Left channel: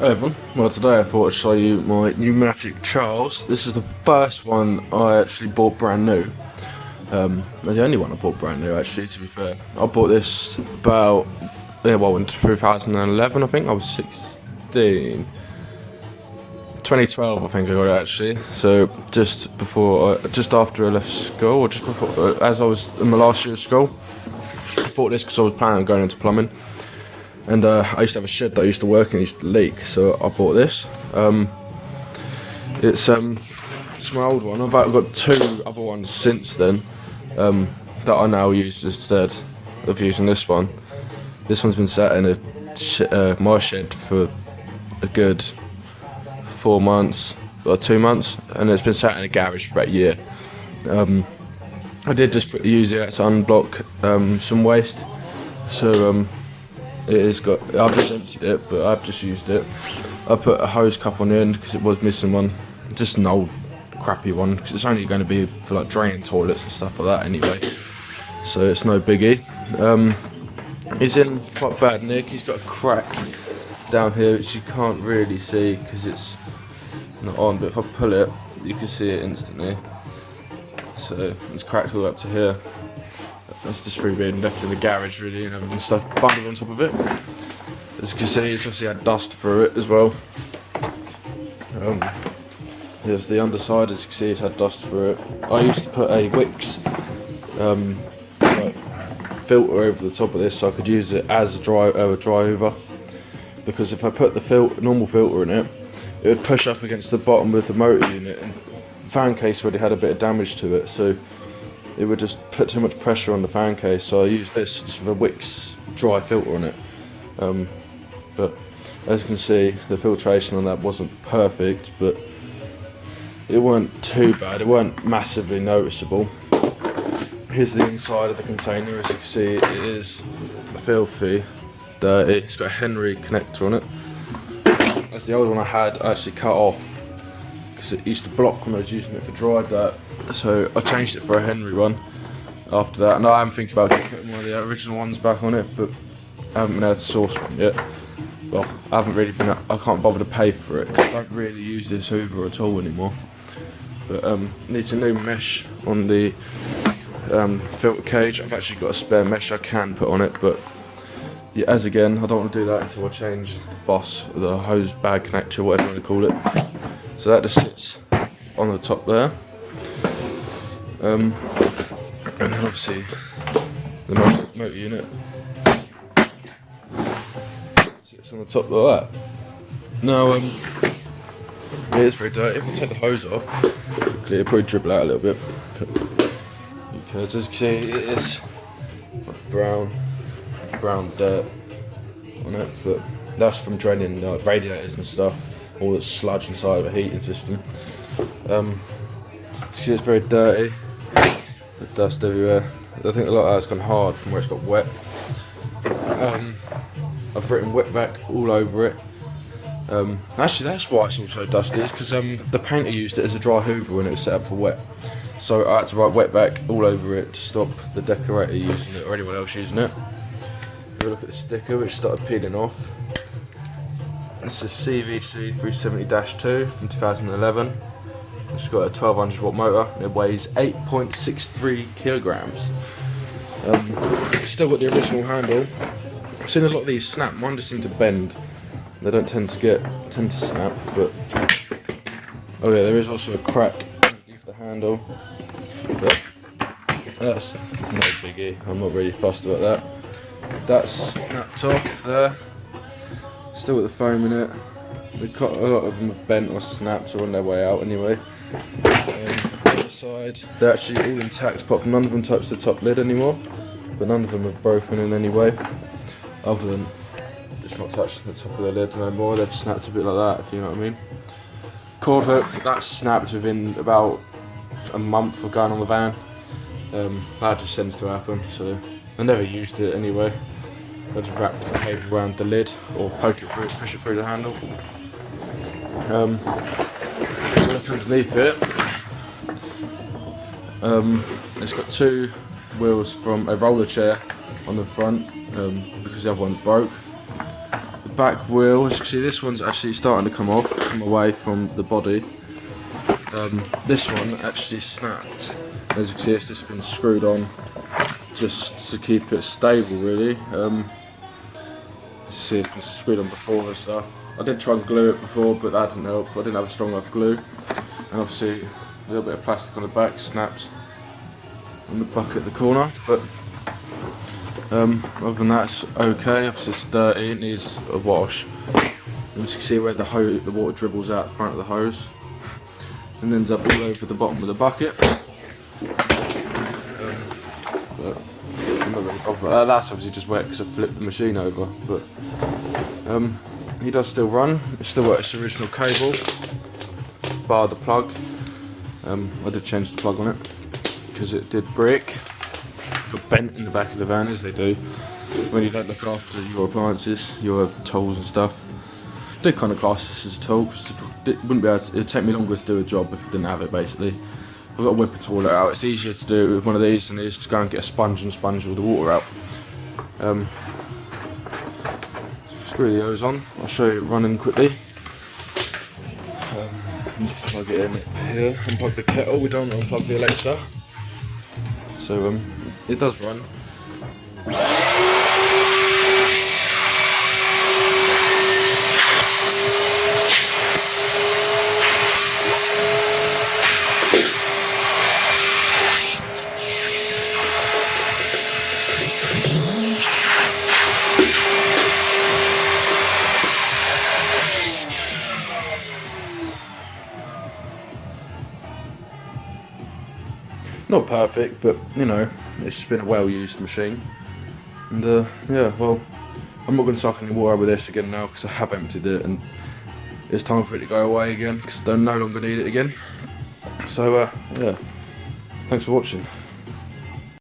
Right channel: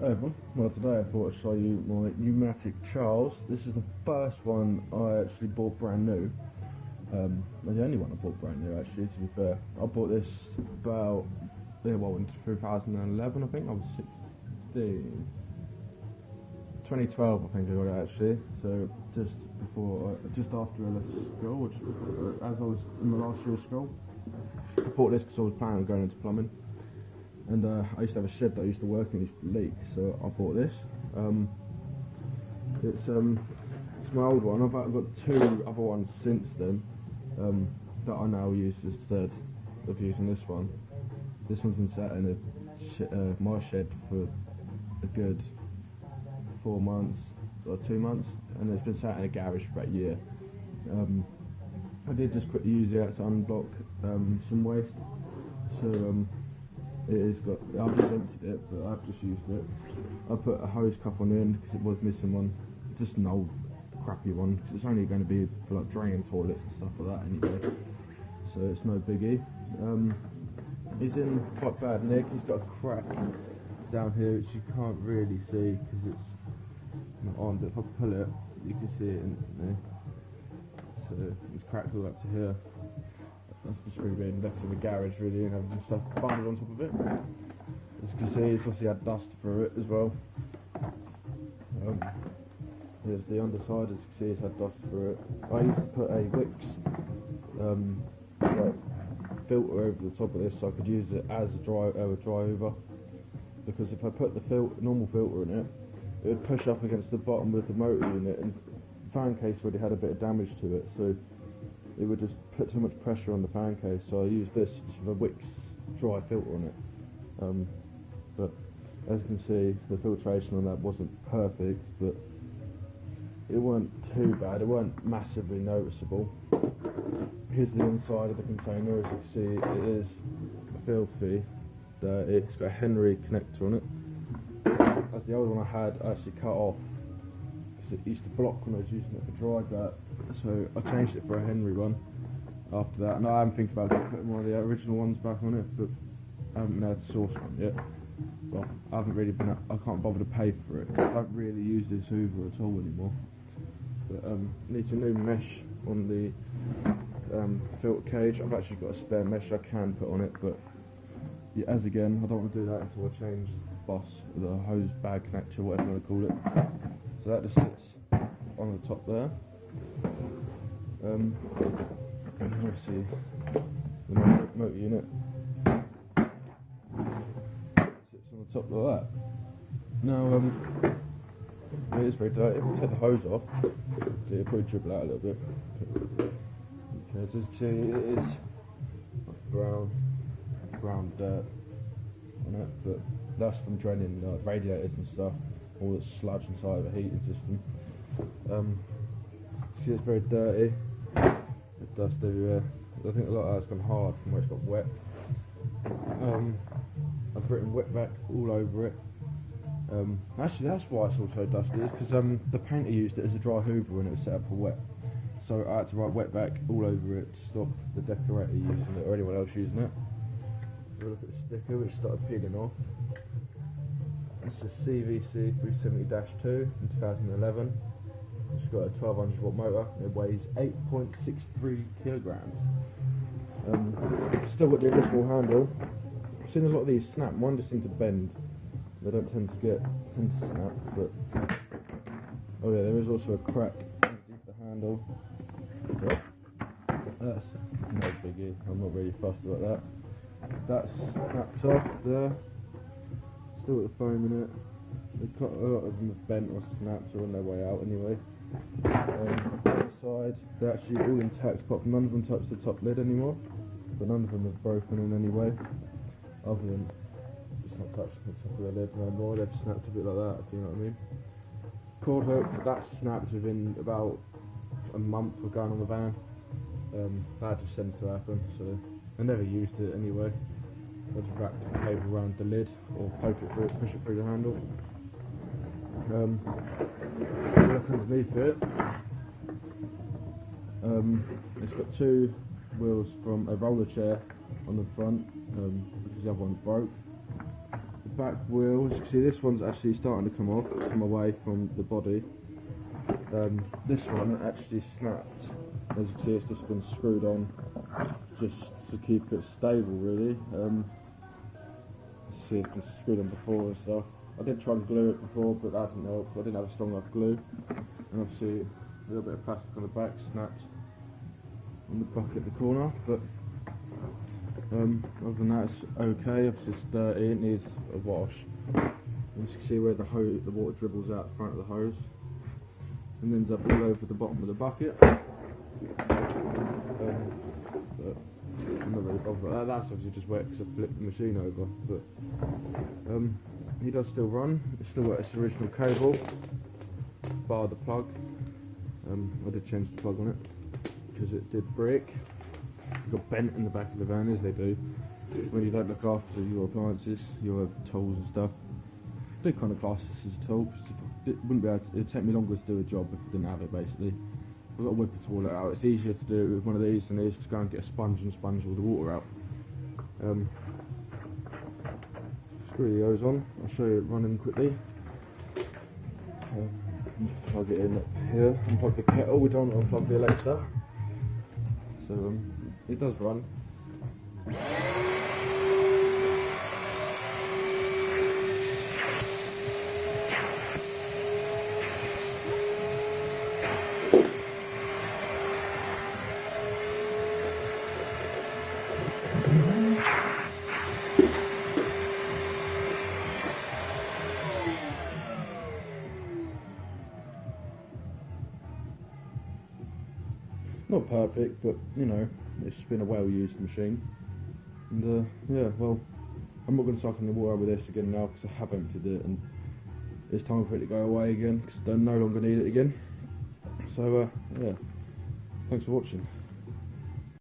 Hey everyone, well today I thought I'd show you my Numatic Charles. This is the first one I actually bought brand new. The only one I bought brand new actually, to be fair. I bought this about, in 2011 I think, I was 16. 2012 I think I got it actually, so just after I left school, or just before, as I was in my last year of school. I bought this because I was planning on going into plumbing. And I used to have a shed that I used to work in, it used to leak, so I bought this. It's my old one. I've got two other ones since then that I now use instead of using this one. This one's been sat in my shed for a good 4 months or 2 months, and it's been sat in a garage for about a year. I did just use it to unblock some waste, so I've just emptied it, but I've just used it. I put a hose cup on the end because it was missing one, just an old crappy one, because it's only going to be for like draining toilets and stuff like that anyway, so it's no biggie. He's in quite bad nick. He's got a crack down here which you can't really see because it's not on, but if I pull it you can see it instantly. So it's cracked all up to here. That's just through being left in the garage really, and having stuff bundled on top of it. As you can see, it's obviously had dust through it as well. Here's the underside, as you can see, it's had dust through it. I used to put a Wix filter over the top of this so I could use it as a dry hoover, because if I put the normal filter in it, it would push up against the bottom of the motor unit, and the fan case already had a bit of damage to it, so it would just put too much pressure on the fan case, so I used this just with a Wix dry filter on it. But as you can see, the filtration on that wasn't perfect, but it weren't too bad, it weren't massively noticeable. Here's the inside of the container. As you can see, it is filthy, dirty. It's got a Henry connector on it. As the old one I had, I actually cut off because it used to block when I was using it for dry dirt. So I changed it for a Henry one after that, and I am thinking about getting one of the original ones back on it, but I haven't been able to source one yet. Well, I can't bother to pay for it because I don't really use this hoover at all anymore. But needs a new mesh on the filter cage. I've actually got a spare mesh I can put on it, but yeah, I don't want to do that until I change the hose bag connector, whatever you want to call it. So that just sits on the top there. And then obviously the motor unit sits on the top of that. Now it is very dirty. If I take the hose off, it'll probably dribble out a little bit. Because as you can see, it is brown dirt on it, but that's from draining radiators and stuff, all the sludge inside of a heating system. See, it's very dirty, the dust everywhere. I think a lot of that's gone hard from where it's got wet. I've written wet vac all over it. Actually, that's why it's all so dusty, is because the painter used it as a dry hoover when it was set up for wet. So I had to write wet vac all over it to stop the decorator using it or anyone else using it. Have a look at the sticker, which started peeling off. This is CVC 370-2 from 2011. It's got a 1200 watt motor and it weighs 8.63 kilograms. Still got the original handle. I've seen a lot of these snap, mine just seem to bend. They don't tend to snap, but oh yeah, there is also a crack underneath the handle. But that's not a biggie, I'm not really fussed about that. That's snapped off there. Still got the foam in it. A lot of them have bent or snapped or on their way out anyway. The other side, they're actually all intact, apart from none of them touch the top lid anymore, but none of them have broken in any way, other than it's not touching the top of the lid no more. They've snapped a bit like that, if you know what I mean. Cord hook, that's snapped within about a month of going on the van. That just tends to happen, so I never used it anyway. I just wrapped the cable around the lid or poke it through, push it through the handle. Look underneath it. It's got two wheels from a roller chair on the front because the other one broke. back wheel, as you can see, this one's actually starting to come away from the body. This one actually snapped. As you can see, it's just been screwed on just to keep it stable, really. See, it's been screwed on before and stuff. I did try and glue it before, but that didn't help. I didn't have a strong enough glue. And obviously, a little bit of plastic on the back snapped on the bucket at the corner. But other than that, it's okay. Obviously, it's dirty. It needs a wash. And you can see where the water dribbles out the front of the hose and ends up all over the bottom of the bucket. I'm not really bothered about that. That's obviously just wet because I flipped the machine over. But he does still run. It's still got its original cable, bar the plug. I did change the plug on it because it did break. Got bent in the back of the van, as they do when you don't look after your appliances, your tools and stuff. I do kind of class this as a tool because it'd take me longer to do a job if I didn't have it. Basically, I've got to whip a toilet out. It's easier to do it with one of these than it is to go and get a sponge and sponge all the water out. Screw the hose on. I'll show you it running quickly. Just plug it in here. Unplug the kettle. We don't unplug the Alexa. So it does run. Not perfect, but you know, it's been a well-used machine. And yeah, well, I'm not going to suck any water with this again now because I have emptied it and it's time for it to go away again because I no longer need it again. So yeah, thanks for watching.